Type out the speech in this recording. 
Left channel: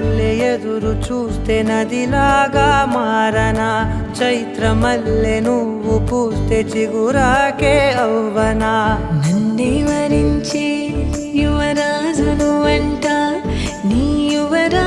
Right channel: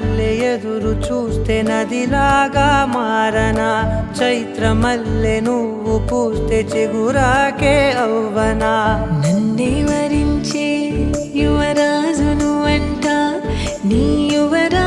మల్లె ఎదురు చూస్తే నదిలాగా మారనా, చైత్ర మల్లె నువ్వు పూస్తే చిగురాకే అవ్వనా. నన్నే వరించే యువరాజును అంట నీ యువరా